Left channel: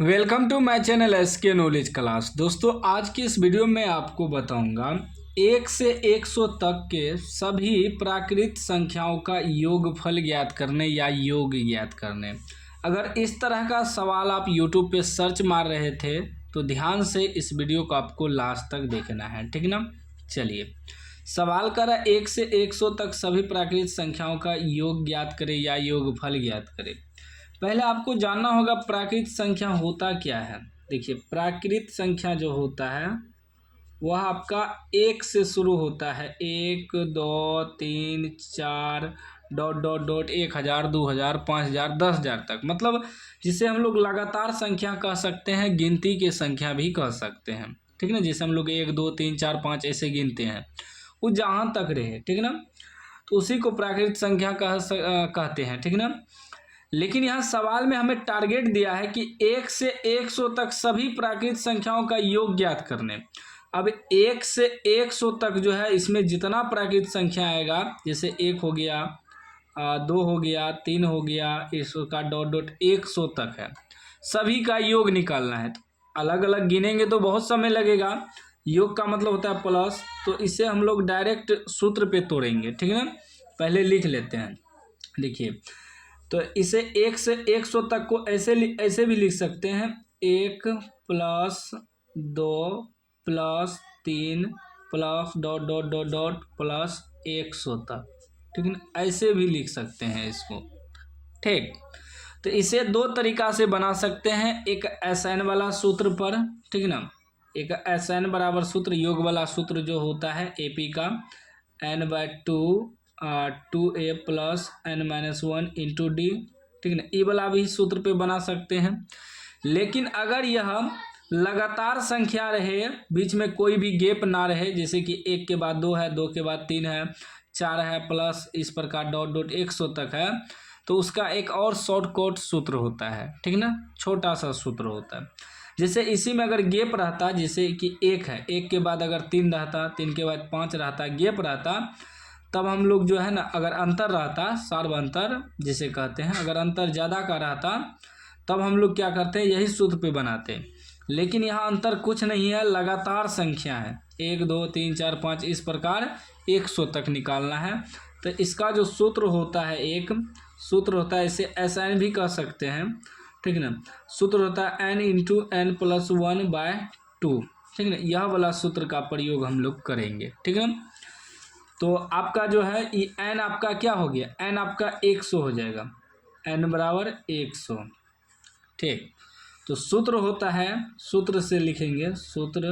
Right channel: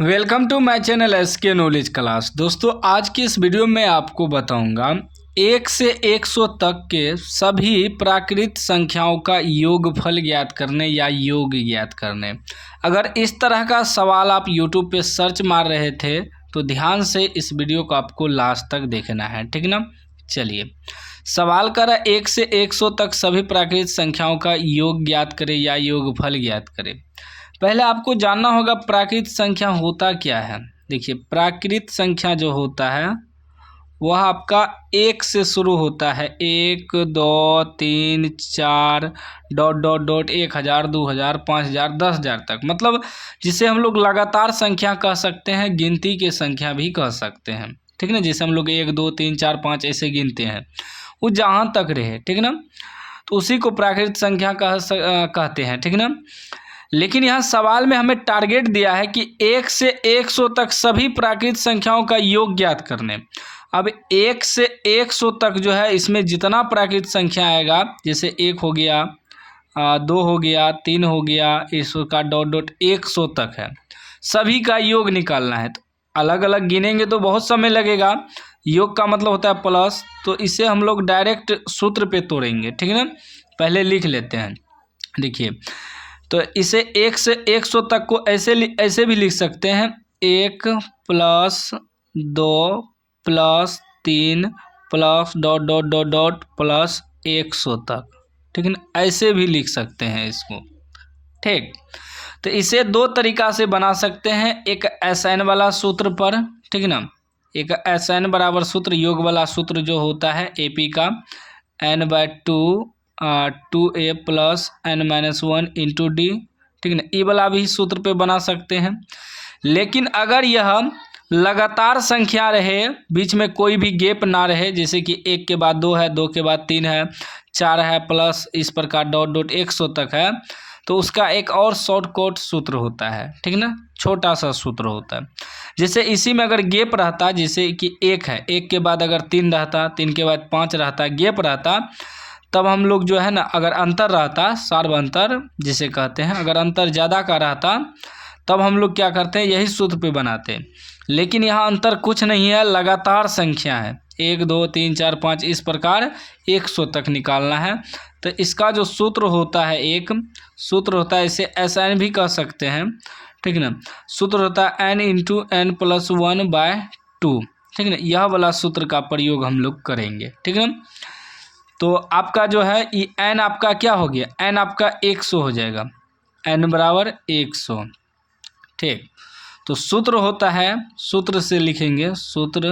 Welcome to my channel SK knowledge class. दोस्तों, आज की इस वीडियो में आपको बताऊंगा 1 से 100 तक के सभी प्राकृत संख्याओं का योगफल ज्ञात करने या योग ज्ञात करने। अगर इस तरह का सवाल आप यूट्यूब पे सर्च मार रहे थे तो ध्यान से इस वीडियो को आपको लास्ट तक देखना है, ठीक ना। चलिए, सवाल कर रहा है 1 से 100 तक सभी प्राकृत संख्याओं का योग ज्ञात करें या योगफल ज्ञात करें। पहले आपको जानना होगा प्राकृत संख्या होता क्या है। देखिए, प्राकृत संख्या जो होता है वह आपका 1 से शुरू होता है। 1 2 3 4 डॉट डॉट डॉट 1000 2000 5000 10,000 तक, मतलब जिसे हम लोग लगातार संख्या कह सकते हैं, गिनती के संख्या भी कह सकते हैं, ठीक ना। जैसे हम लोग 1 2 3 4 5 ऐसे गिनते हैं, वो जहाँ तक रहे, ठीक ना, तो उसी को प्राकृत संख्या कहते हैं, ठीक ना। लेकिन यहाँ सवाल में हमें टारगेट दिया है कि 1 से 100 तक सभी प्राकृत संख्याओं का योग ज्ञात करने। अब 1 से 100 तक जो है, इसमें जितना प्राकृत संख्या आएगा, जैसे 1 हो गया, 2 हो गया, 3 हो गया, इसका डॉट डॉट 100 तक है, सभी का योग निकालना है। तो अलग अलग गिनेंगे तो बहुत समय लगेगा। योग का मतलब होता है प्लस, तो इसे हम लोग डायरेक्ट सूत्र पे तोड़ेंगे, ठीक है ना। पहले लिख लेते हैं। देखिए, तो इसे 1 से 100 तक को ऐसे भी लिख सकते हैं, 1 + 2 + 3 plus dot dot dot dot plus 100 तक, ठीक है ना। ऐसे भी लिख सकते हैं इसको, ठीक। तो इसे दो तरीका से बना सकते हैं, एक SN वाला सूत्र पर, ठीक ना। एक SN बराबर सूत्र, योग वाला सूत्र जो होता है AP का n/2 2a + n-1 × d, ठीक ना। ये वाला भी सूत्र पे बना सकते हैं। लेकिन अगर यह लगातार संख्या रहे, बीच में कोई भी गैप ना रहे, जैसे कि 1 के बाद 2 है, 2 के बाद 3 है, 4 है, प्लस इस प्रकार डॉट डॉट 100 तक है, तो उसका एक और शॉर्टकट सूत्र होता है, ठीक ना, छोटा सा सूत्र होता है। जैसे इसी में अगर गैप रहता, जैसे कि 1 है, 1 के बाद अगर 3 रहता, 3 के बाद 5 रहता, गैप रहता, तब हम लोग जो है ना, अगर अंतर रहता, सार्व अंतर जिसे कहते हैं, अगर अंतर ज़्यादा का रहता, तब हम लोग क्या करते हैं, यही सूत्र पे बनाते हैं। लेकिन यहाँ अंतर कुछ नहीं है, लगातार संख्या है, 1 2 3 4 5 इस प्रकार 100 तक निकालना है। तो इसका जो सूत्र होता है, एक सूत्र होता है, इसे SN भी कह सकते हैं, ठीक ना। सूत्र होता है n × n + 1/2, ठीक ना। यह वाला सूत्र का प्रयोग हम लोग करेंगे, ठीक ना। तो आपका जो है ये n आपका क्या हो गया, n आपका 100 हो जाएगा, n = 100, ठीक। तो सूत्र होता है, सूत्र से लिखेंगे, सूत्र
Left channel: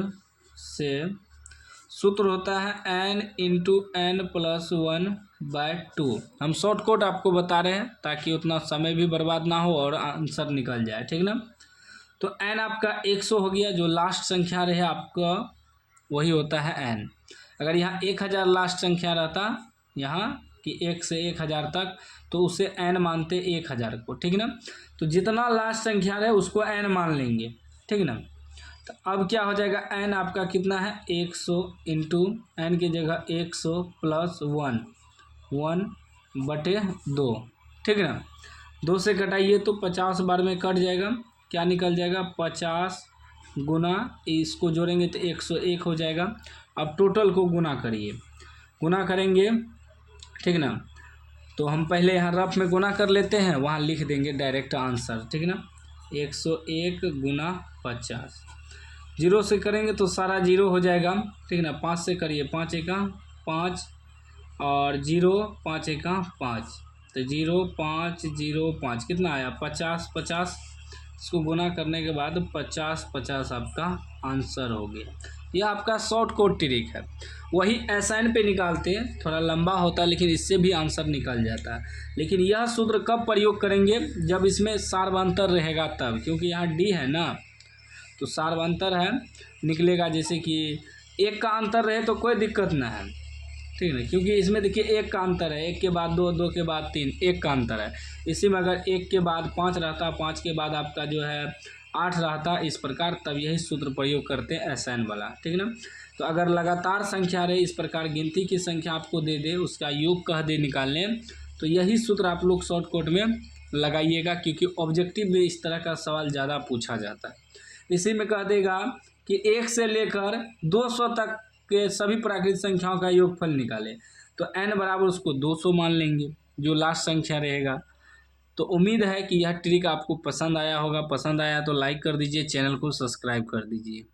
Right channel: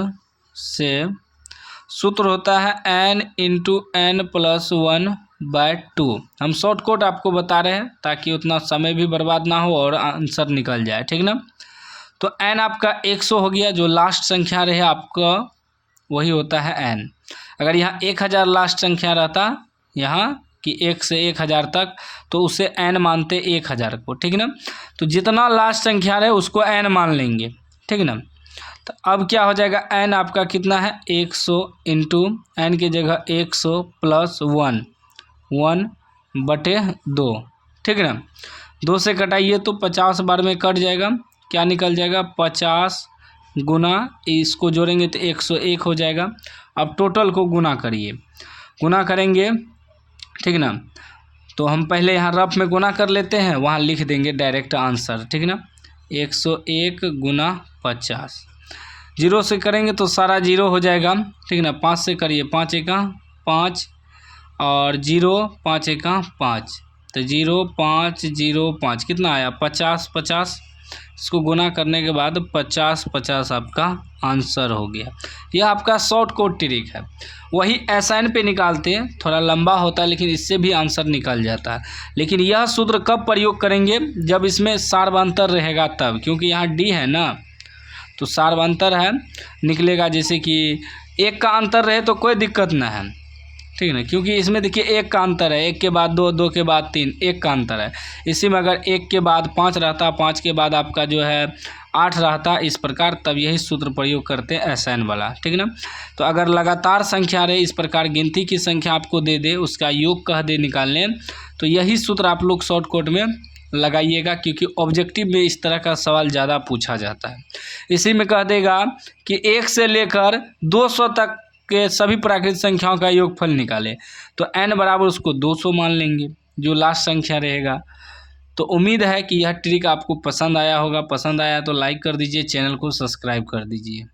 होता है n × n + 1/2। हम शॉर्टकट आपको बता रहे हैं ताकि उतना समय भी बर्बाद ना हो और आंसर निकल जाए, ठीक ना। तो n आपका 100 हो गया, जो लास्ट संख्या रहे आपका वही होता है n। अगर यहाँ 1000 लास्ट संख्या रहता, यहाँ कि 1 से 1000 तक, तो उसे n मानते 1000 को, ठीक ना। तो जितना लास्ट संख्या रहे उसको n मान लेंगे, ठीक ना। तो अब क्या हो जाएगा, n आपका कितना है, 100 × n की जगह 100 + 1/2, ठीक ना। 2 से कटाइए तो 50 बार में कट जाएगा, क्या निकल जाएगा, 50 गुना, इसको जोड़ेंगे तो 101 हो जाएगा। अब टोटल को गुना करिए, गुना करेंगे, ठीक ना। तो हम पहले यहाँ रफ में गुना कर लेते हैं, वहाँ लिख देंगे डायरेक्ट आंसर, ठीक ना। 101 × 50, 0 से करेंगे तो सारा 0 हो जाएगा, ठीक ना। 5 से करिए, 5 × 5 और 0 5 × 5, तो 0 5 0 5 कितना आया, 50 50। इसको गुना करने के बाद 50 50 आपका आंसर हो गया। यह आपका शॉर्टकट ट्रिक है। वही SN पे निकालते हैं, थोड़ा लंबा होता है, लेकिन इससे भी आंसर निकल जाता है। लेकिन यह सूत्र कब प्रयोग करेंगे, जब इसमें सार्वंतर रहेगा तब, क्योंकि यहाँ D है ना, तो सार्वंतर है निकलेगा। जैसे कि 1 का अंतर रहे तो कोई दिक्कत ना है, ठीक है ना, क्योंकि इसमें देखिए 1 का अंतर है, 1 के बाद 2, 2 के बाद 3, 1 का अंतर है। इसी में अगर 1 के बाद 5 रहता, 5 के बाद आपका जो है 8 रहता, इस प्रकार, तब यही सूत्र प्रयोग करते हैं SN वाला, ठीक ना। तो अगर लगातार संख्या रहे, इस प्रकार गिनती की संख्या आपको दे दे, उसका योग कह दे निकालने, तो यही सूत्र आप लोग शॉर्टकट में लगाइएगा, क्योंकि ऑब्जेक्टिव में इस तरह का सवाल ज़्यादा पूछा जाता है। इसी में कह देगा कि 1 से लेकर 200 तक के सभी प्राकृतिक संख्याओं का योगफल निकालें, तो n बराबर उसको 200 मान लेंगे, जो लास्ट संख्या रहेगा। तो उम्मीद है कि यह ट्रिक आपको पसंद आया होगा। पसंद आया तो लाइक कर दीजिए, चैनल को सब्सक्राइब कर दीजिए।